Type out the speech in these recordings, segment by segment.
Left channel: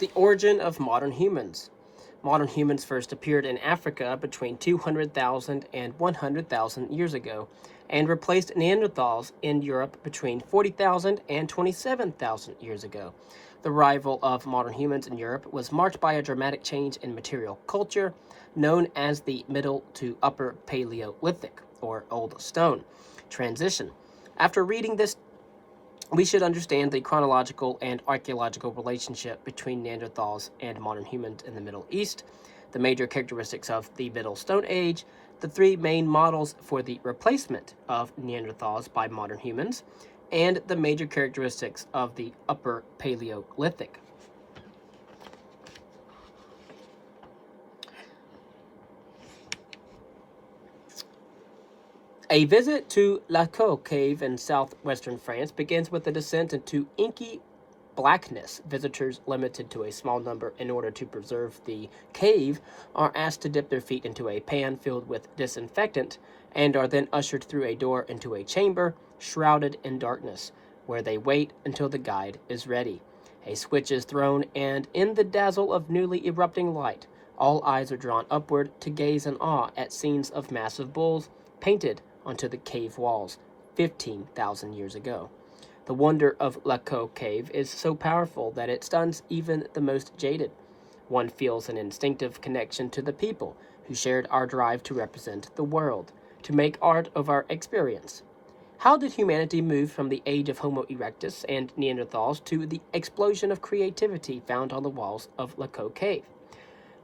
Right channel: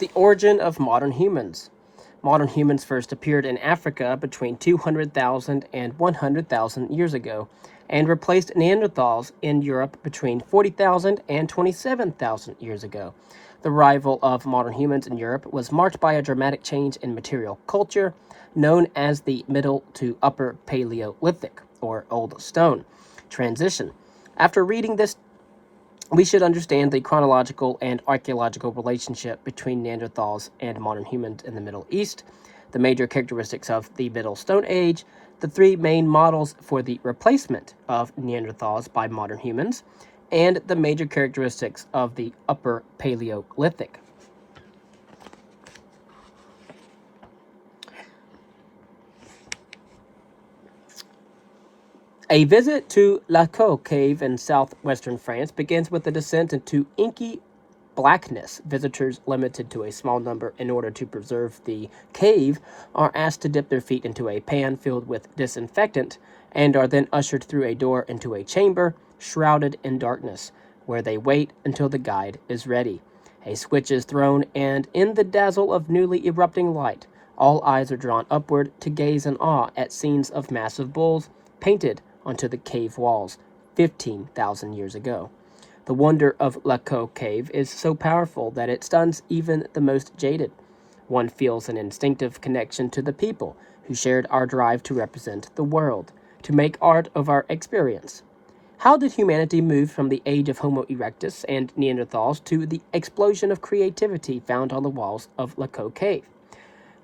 The origin of modern humans. Modern humans first appeared in Africa between 200,000 and 100,000 years ago, and replaced Neanderthals in Europe between 40,000 and 27,000 years ago. The arrival of modern humans in Europe was marked by a dramatic change in material culture, known as the Middle to Upper Paleolithic, or Old Stone, transition. After reading this, we should understand the chronological and archaeological relationship between Neanderthals and modern humans in the Middle East, the major characteristics of the Middle Stone Age, the three main models for the replacement of Neanderthals by modern humans, and the major characteristics of the Upper Paleolithic. A visit to Lascaux Cave in southwestern France begins with a descent into inky blackness. Visitors, limited to a small number in order to preserve the cave, are asked to dip their feet into a pan filled with disinfectant and are then ushered through a door into a chamber shrouded in darkness, where they wait until the guide is ready. A switch is thrown, and in the dazzle of newly erupting light, all eyes are drawn upward to gaze in awe at scenes of massive bulls painted onto the cave walls 15,000 years ago. The wonder of Lascaux Cave is so powerful that it stuns even the most jaded. One feels an instinctive connection to the people who shared our drive to represent the world, to make art of our experience. How did humanity move from the age of Homo erectus and Neanderthals to the explosion of creativity found on the walls of Lascaux Cave?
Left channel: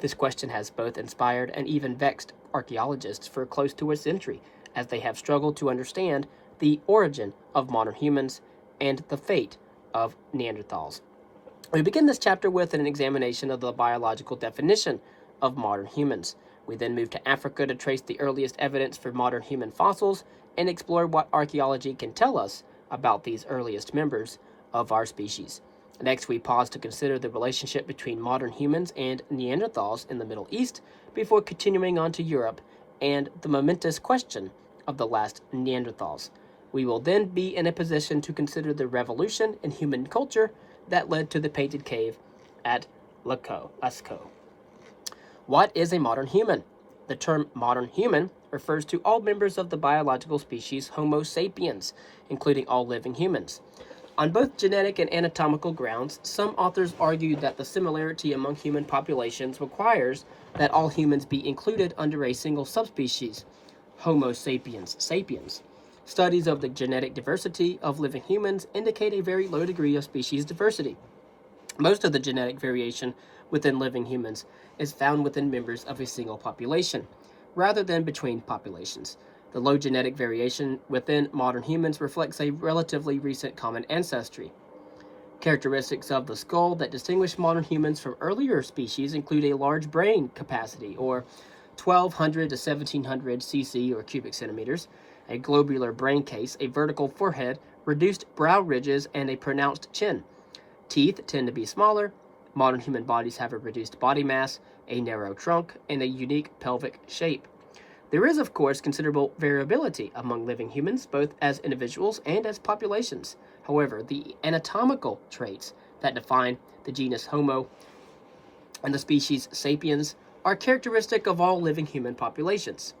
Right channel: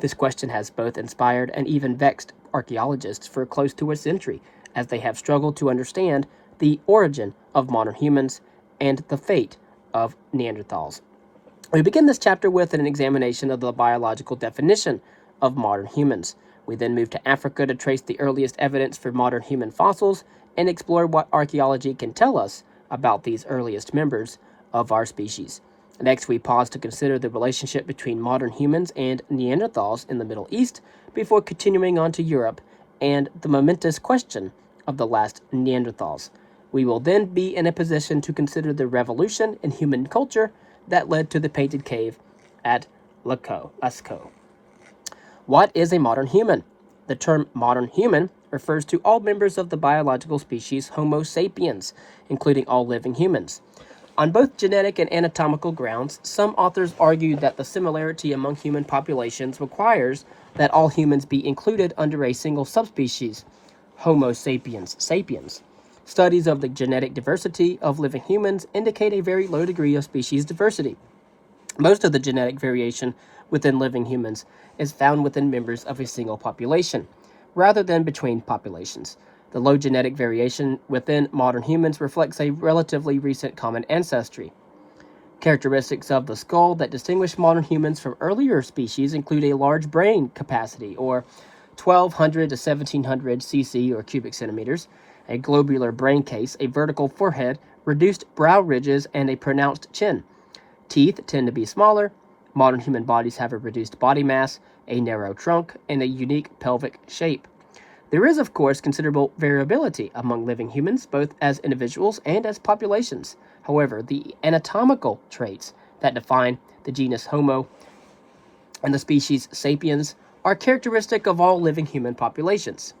This question has both inspired and even vexed archaeologists for close to a century, as they have struggled to understand the origin of modern humans and the fate of Neanderthals. We begin this chapter with an examination of the biological definition of modern humans. We then move to Africa to trace the earliest evidence for modern human fossils and explore what archaeology can tell us about these earliest members of our species. Next, we pause to consider the relationship between modern humans and Neanderthals in the Middle East before continuing on to Europe and the momentous question of the last Neanderthals. We will then be in a position to consider the revolution in human culture that led to the painted cave at Lascaux. What is a modern human? The term modern human refers to all members of the biological species Homo sapiens, including all living humans. On both genetic and anatomical grounds, some authors argue that the similarity among human populations requires that all humans be included under a single subspecies, Homo sapiens sapiens. Studies of the genetic diversity of living humans indicate a very low degree of species diversity. Most of the genetic variation within living humans is found within members of a single population, rather than between populations. The low genetic variation within modern humans reflects a relatively recent common ancestry. Characteristics of the skull that distinguish modern humans from earlier species include a large brain capacity, or 1200 to 1700 cc or cubic centimeters, a globular brain case, a vertical forehead, reduced brow ridges, and a pronounced chin. Teeth tend to be smaller. Modern human bodies have a reduced body mass, a narrow trunk, and a unique pelvic shape. There is, of course, considerable variability among living humans, both as individuals and as populations. However, the anatomical traits that define the genus Homo and the species Sapiens are characteristic of all living human populations.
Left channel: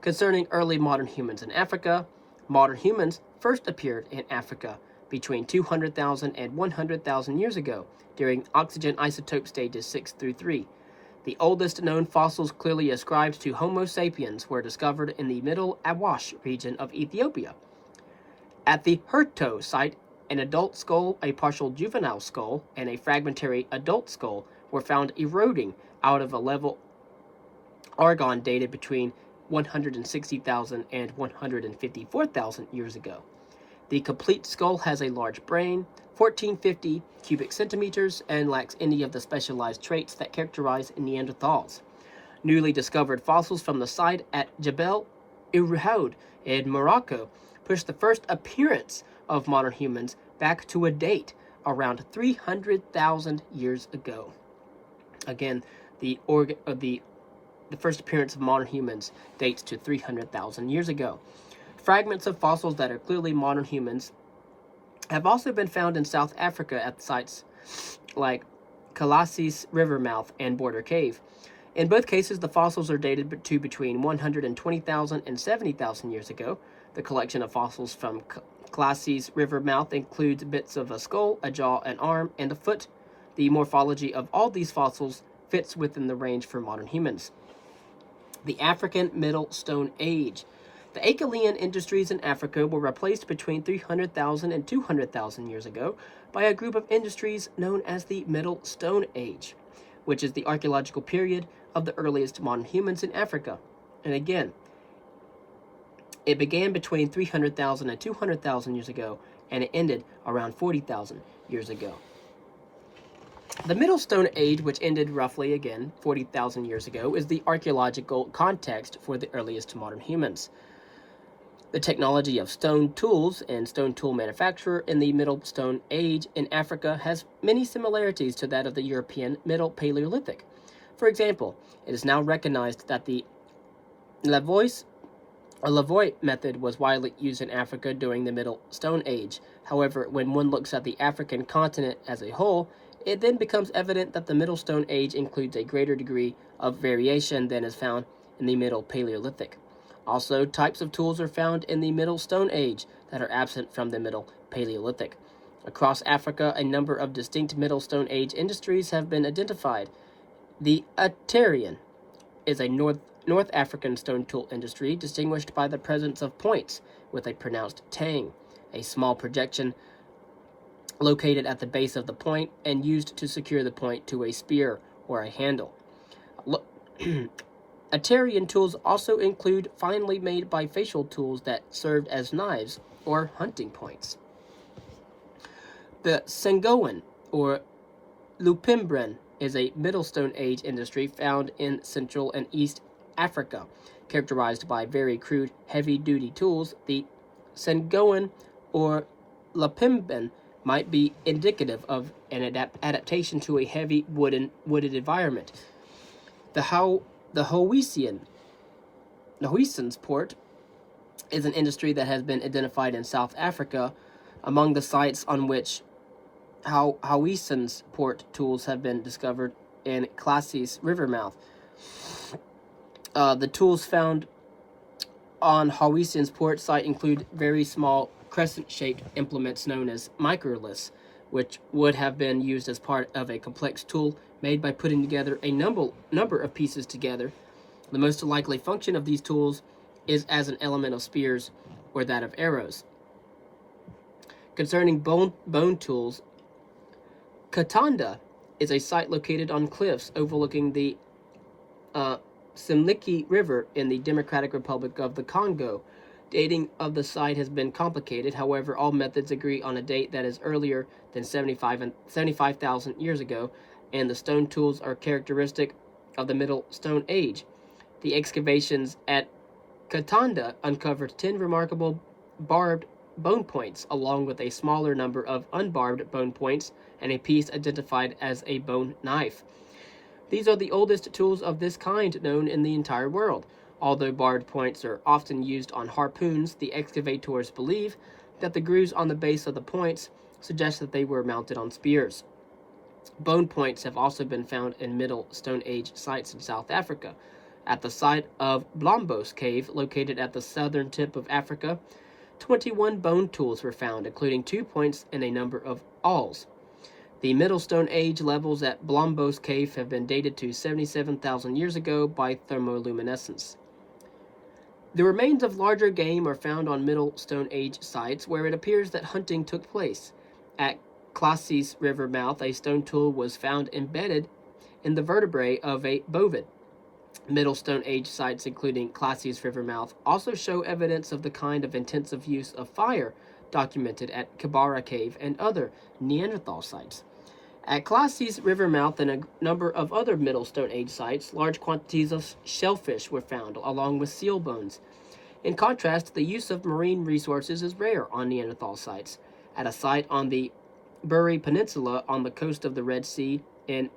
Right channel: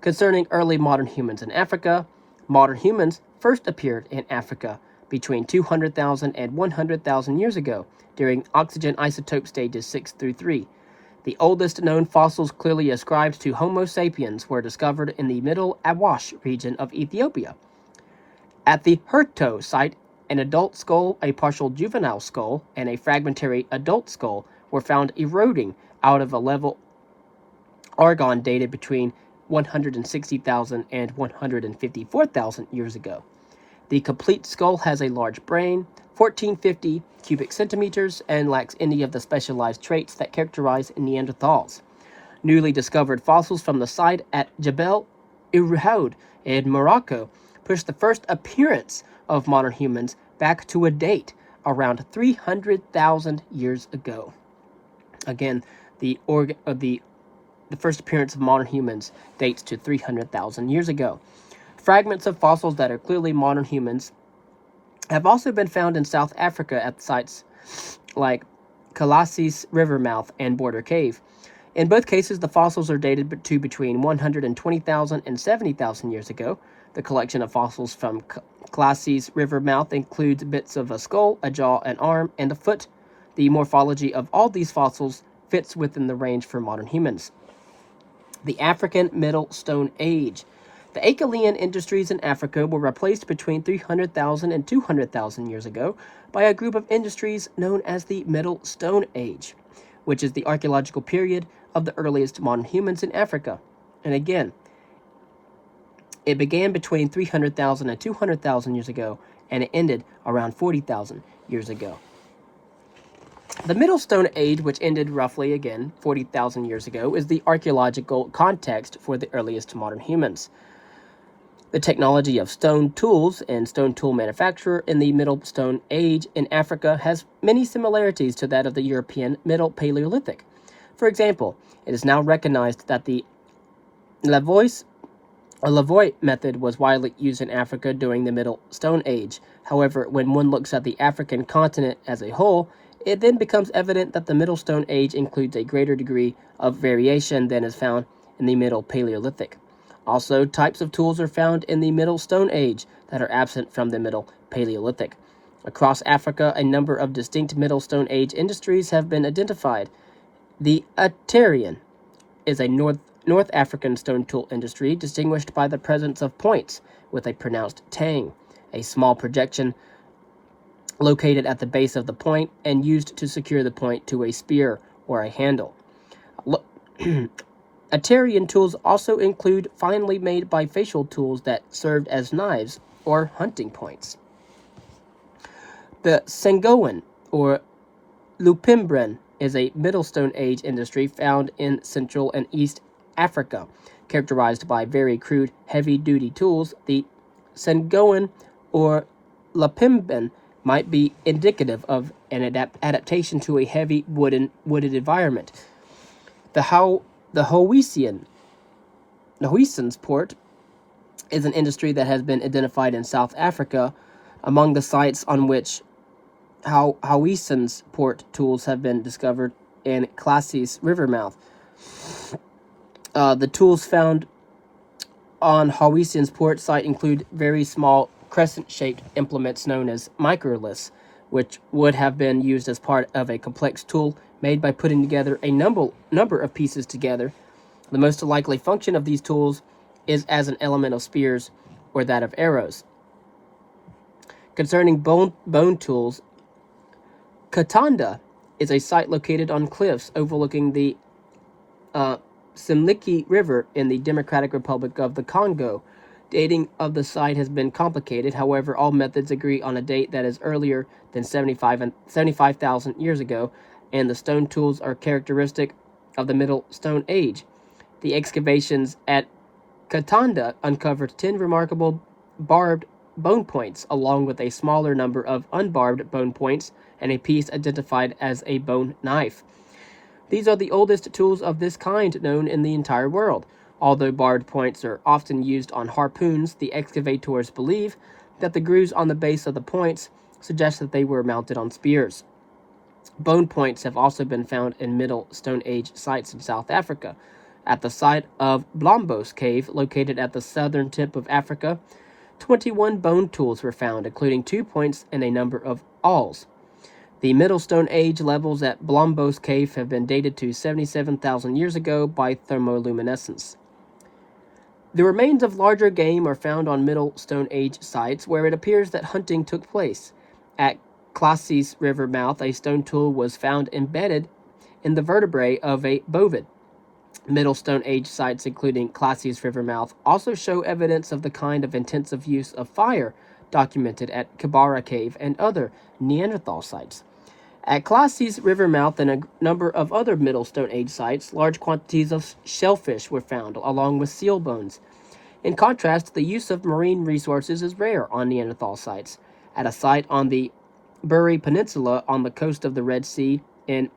Concerning early modern humans in Africa, modern humans first appeared in Africa between 200,000 and 100,000 years ago during oxygen isotope stages 6 through 3. The oldest known fossils clearly ascribed to Homo sapiens were discovered in the Middle Awash region of Ethiopia. At the Herto site, an adult skull, a partial juvenile skull, and a fragmentary adult skull were found eroding out of a level Argon dated between 160,000 and 154,000 years ago. The complete skull has a large brain, 1450 cubic centimeters, and lacks any of the specialized traits that characterize Neanderthals. Newly discovered fossils from the site at Jebel Irhoud in Morocco push the first appearance of modern humans back to a date around 300,000 years ago. Again, the first appearance of modern humans dates to 300,000 years ago. Fragments of fossils that are clearly modern humans have also been found in South Africa at sites like Colossus River mouth and Border Cave. In both cases, the fossils are dated to between 120,000 and 70,000 years ago. The collection of fossils from Colossus River mouth includes bits of a skull, a jaw, an arm, and a foot. The morphology of all these fossils fits within the range for modern humans. The African Middle Stone Age. The Acheulean industries in Africa were replaced between 300,000 and 200,000 years ago by a group of industries known as the Middle Stone Age, which is the archaeological period of the earliest modern humans in Africa. And again, it began between 300,000 and 200,000 years ago, and it ended around 40,000 years ago. The Middle Stone Age, which ended roughly, again, 40,000 years ago, is the archaeological context for the earliest modern humans. The technology of stone tools and stone tool manufacture in the Middle Stone Age in Africa has many similarities to that of the European Middle Paleolithic. For example, it is now recognized that the Lavoie method was widely used in Africa during the Middle Stone Age. However, when one looks at the African continent as a whole, it then becomes evident that the Middle Stone Age includes a greater degree of variation than is found in the Middle Paleolithic. Also, types of tools are found in the Middle Stone Age that are absent from the Middle Paleolithic. Across Africa, a number of distinct Middle Stone Age industries have been identified. The Aterian is a North African stone tool industry distinguished by the presence of points with a pronounced tang, a small projection located at the base of the point and used to secure the point to a spear or a handle. Aterian tools also include finely made bifacial tools that served as knives or hunting points. The Sengoan or Lupimbren is a Middle Stone Age industry found in Central and East Africa, characterized by very crude, heavy-duty tools. The Sengoan or Lupimbren might be indicative of an adaptation to a heavy wooded environment. The Housens port is an industry that has been identified in South Africa. Among the sites on which Housens port tools have been discovered in Colossus River mouth. The tools found on Housens port site include very small crescent-shaped implements known as microliths, which would have been used as part of a complex tool made by putting together a number of pieces together. The most likely function of these tools is as an element of spears or that of arrows. Concerning bone tools, Katanda is a site located on cliffs overlooking the Simliki River in the Democratic Republic of the Congo. Dating of the site has been complicated. However, all methods agree on a date that is earlier than 75,000 years ago, and the stone tools are characteristic of the Middle Stone Age. The excavations at Katanda uncovered 10 remarkable barbed bone points, along with a smaller number of unbarbed bone points and a piece identified as a bone knife. These are the oldest tools of this kind known in the entire world. Although barbed points are often used on harpoons, the excavators believe that the grooves on the base of the points suggest that they were mounted on spears. Bone points have also been found in Middle Stone Age sites in South Africa. At the site of Blombos Cave, located at the southern tip of Africa, 21 bone tools were found, including 2 points and a number of awls. The Middle Stone Age levels at Blombos Cave have been dated to 77,000 years ago by thermoluminescence. The remains of larger game are found on Middle Stone Age sites where it appears that hunting took place. At Colossus River mouth, a stone tool was found embedded in the vertebrae of a bovid. Middle Stone Age sites, including Colossus River mouth, also show evidence of the kind of intensive use of fire documented at Kibara Cave and other Neanderthal sites. At Colossus River mouth and a number of other Middle Stone Age sites, large quantities of shellfish were found, along with seal bones. In contrast, the use of marine resources is rare on Neanderthal sites. At a site on the Buri Peninsula on the coast of the Red Sea in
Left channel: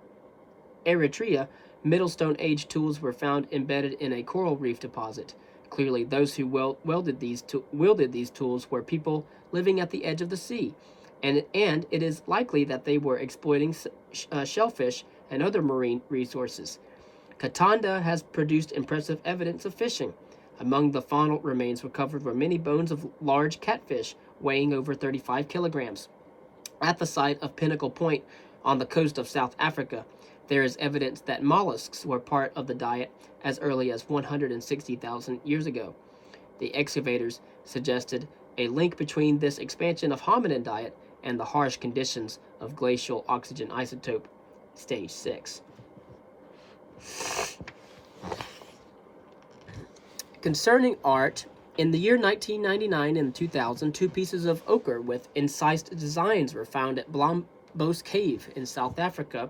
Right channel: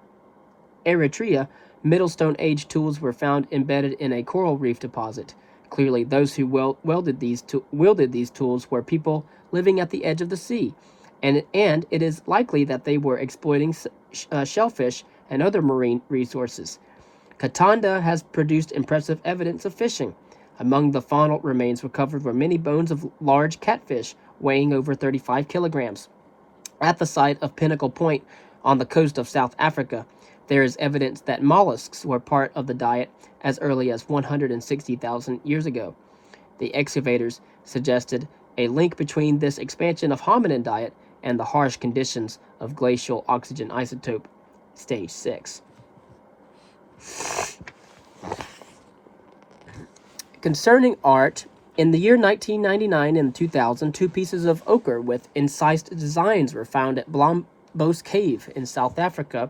Eritrea, Middle Stone Age tools were found embedded in a coral reef deposit. Clearly, those who wielded these tools were people living at the edge of the sea. and it is likely that they were exploiting shellfish and other marine resources. Katanda has produced impressive evidence of fishing. Among the faunal remains recovered were many bones of large catfish weighing over 35 kilograms. At the site of Pinnacle Point on the coast of South Africa, there is evidence that mollusks were part of the diet as early as 160,000 years ago. The excavators suggested a link between this expansion of hominin diet and the harsh conditions of glacial oxygen isotope stage 6. Concerning art, in the year 1999 and 2000, two pieces of ochre with incised designs were found at Blombos Cave in South Africa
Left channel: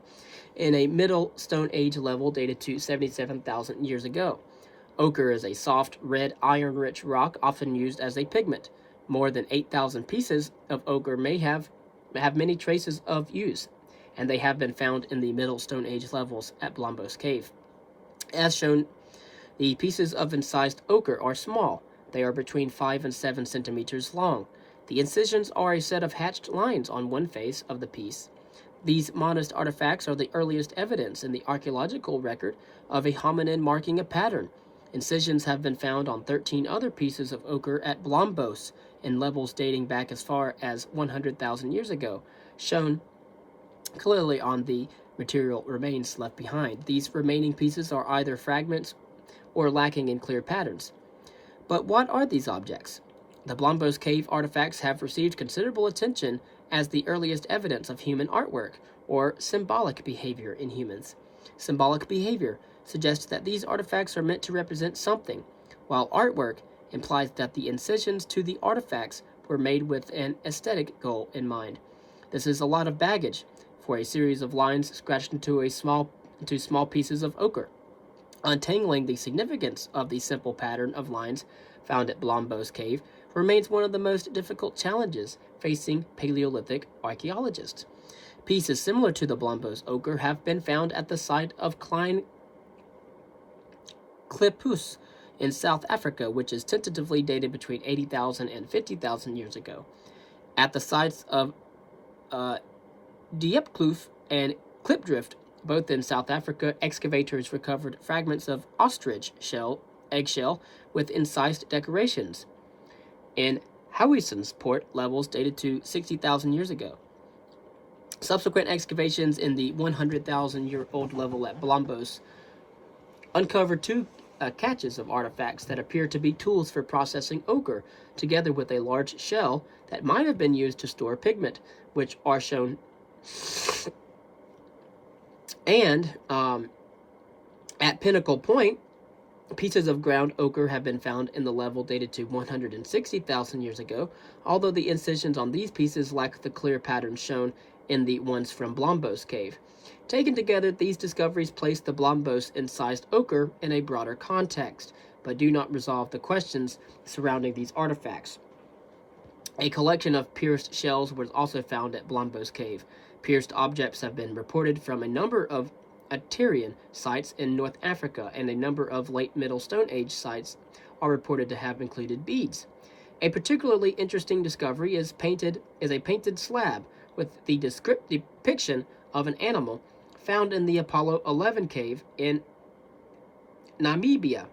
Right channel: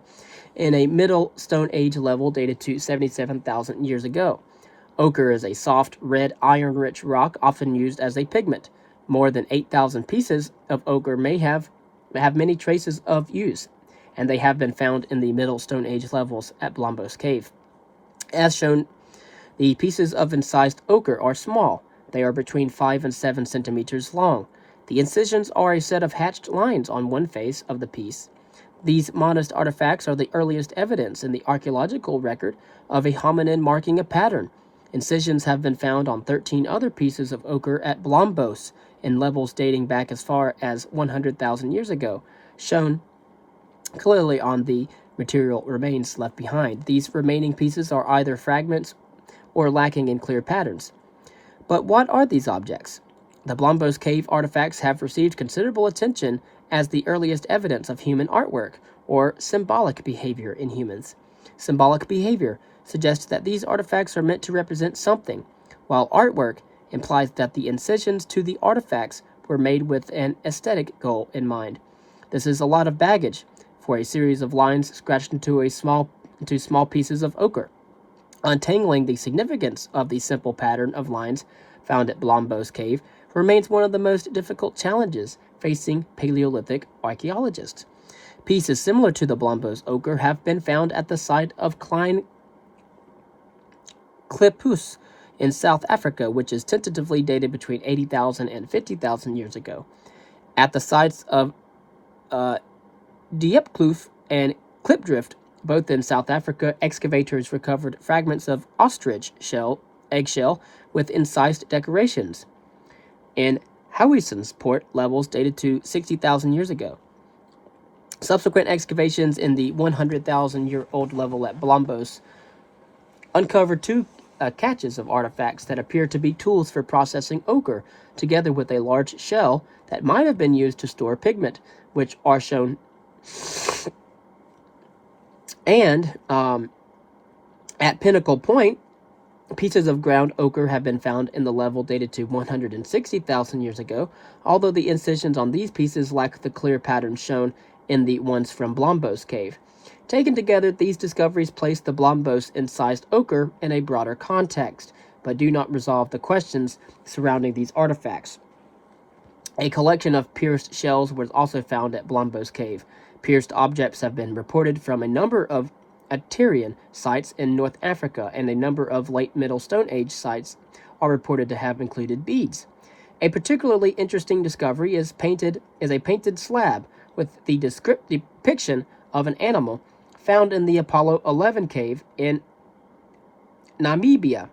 in a Middle Stone Age level dated to 77,000 years ago. Ochre is a soft, red, iron-rich rock often used as a pigment. More than 8,000 pieces of ochre may have many traces of use, and they have been found in the Middle Stone Age levels at Blombos Cave. As shown, the pieces of incised ochre are small. They are between 5 and 7 centimeters long. The incisions are a set of hatched lines on one face of the piece. These modest artifacts are the earliest evidence in the archaeological record of a hominin marking a pattern. Incisions have been found on 13 other pieces of ochre at Blombos in levels dating back as far as 100,000 years ago, shown clearly on the material remains left behind. These remaining pieces are either fragments or lacking in clear patterns. But what are these objects? The Blombos Cave artifacts have received considerable attention as the earliest evidence of human artwork, or symbolic behavior in humans. Symbolic behavior suggests that these artifacts are meant to represent something, while artwork implies that the incisions to the artifacts were made with an aesthetic goal in mind. This is a lot of baggage for a series of lines scratched into small pieces of ochre. Untangling the significance of the simple pattern of lines found at Blombos Cave remains one of the most difficult challenges facing Paleolithic archaeologists. Pieces similar to the Blombos ochre have been found at the site of Klein Klipus in South Africa, which is tentatively dated between 80,000 and 50,000 years ago. At the sites of Diepkloof and Klipdrift, both in South Africa, excavators recovered fragments of ostrich eggshell with incised decorations. In Howiesensport, levels dated to 60,000 years ago. Subsequent excavations in the 100,000-year-old level at Blombos uncovered two caches of artifacts that appear to be tools for processing ochre, together with a large shell that might have been used to store pigment, which are shown. And at Pinnacle Point, pieces of ground ochre have been found in the level dated to 160,000 years ago, although the incisions on these pieces lack the clear patterns shown in the ones from Blombos Cave. Taken together, these discoveries place the Blombos incised ochre in a broader context, but do not resolve the questions surrounding these artifacts. A collection of pierced shells was also found at Blombos Cave. Pierced objects have been reported from a number of Aterian sites in North Africa, and a number of late Middle Stone Age sites are reported to have included beads. A particularly interesting discovery is a painted slab with the depiction of an animal found in the Apollo 11 cave in Namibia.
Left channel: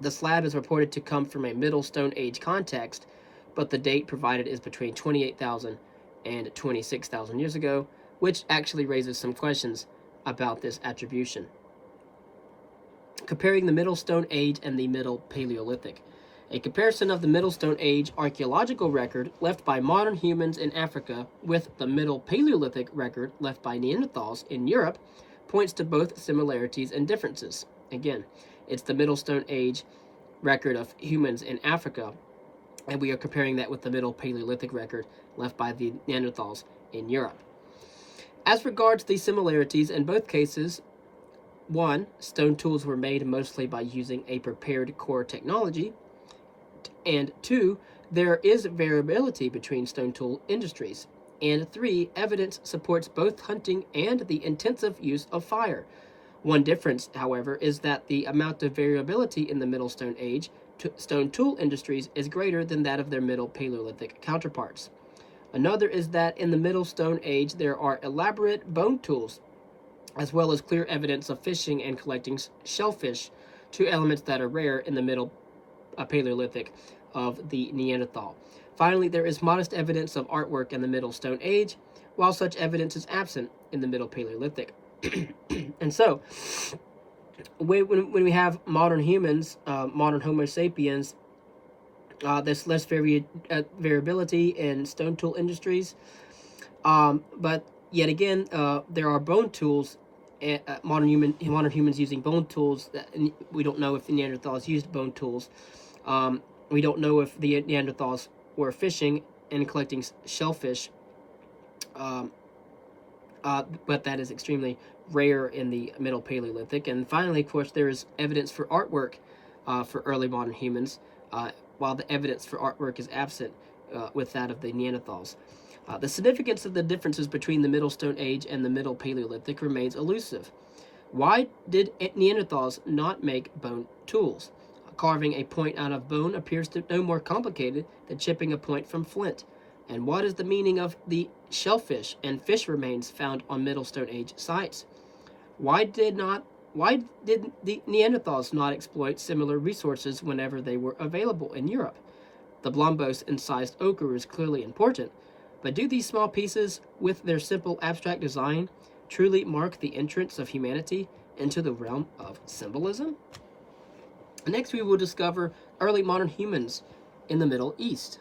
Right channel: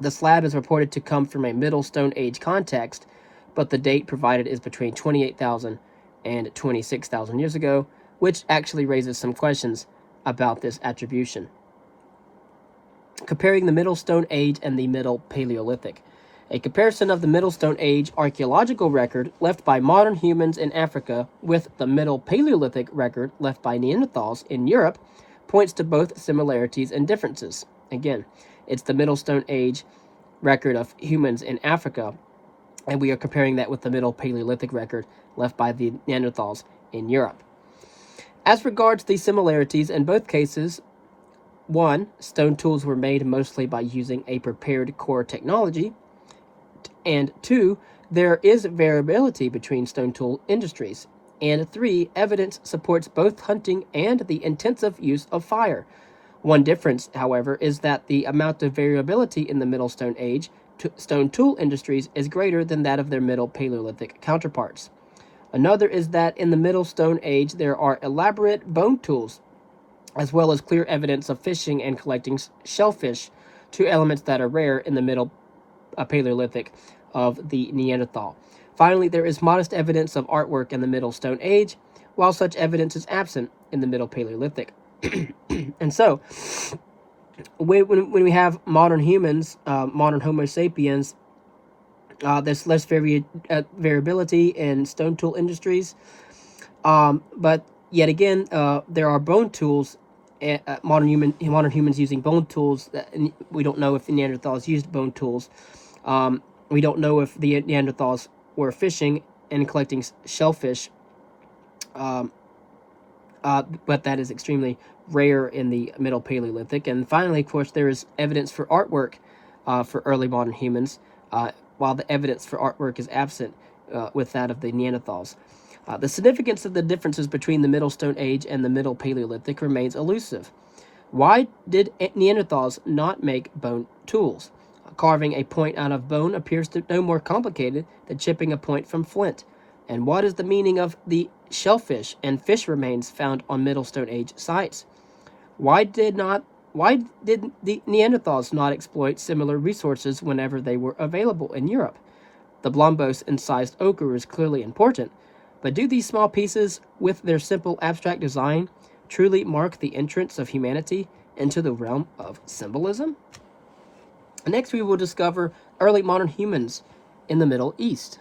The slab is reported to come from a Middle Stone Age context, but the date provided is between 28,000 and 26,000 years ago, which actually raises some questions about this attribution. Comparing the Middle Stone Age and the Middle Paleolithic. A comparison of the Middle Stone Age archaeological record left by modern humans in Africa with the Middle Paleolithic record left by Neanderthals in Europe points to both similarities and differences. Again, it's the Middle Stone Age record of humans in Africa, and we are comparing that with the Middle Paleolithic record left by the Neanderthals in Europe. As regards the similarities in both cases, 1. Stone tools were made mostly by using a prepared core technology, and 2. There is variability between stone tool industries, and 3. Evidence supports both hunting and the intensive use of fire. One difference, however, is that the amount of variability in the Middle Stone Age stone tool industries is greater than that of their Middle Paleolithic counterparts. Another is that in the Middle Stone Age there are elaborate bone tools, as well as clear evidence of fishing and collecting shellfish, two elements that are rare in the Middle Paleolithic of the Neanderthal. Finally, there is modest evidence of artwork in the Middle Stone Age, while such evidence is absent in the Middle Paleolithic. And so, when we have modern humans, modern Homo sapiens, there's less variability in stone tool industries. But yet again, there are bone tools. Modern humans using bone tools. That we don't know if the Neanderthals used bone tools. We don't know if the Neanderthals were fishing and collecting shellfish. But that is extremely rare in the Middle Paleolithic. And finally, of course, there is evidence for artwork for early modern humans, while the evidence for artwork is absent with that of the Neanderthals. The significance of the differences between the Middle Stone Age and the Middle Paleolithic remains elusive. Why did Neanderthals not make bone tools? Carving a point out of bone appears to no more complicated than chipping a point from flint. And what is the meaning of the shellfish and fish remains found on Middle Stone Age sites? Why did the Neanderthals not exploit similar resources whenever they were available in Europe? The blombose incised ochre is clearly important, but do these small pieces, with their simple abstract design, truly mark the entrance of humanity into the realm of symbolism? Next, we will discover early modern humans in the Middle East.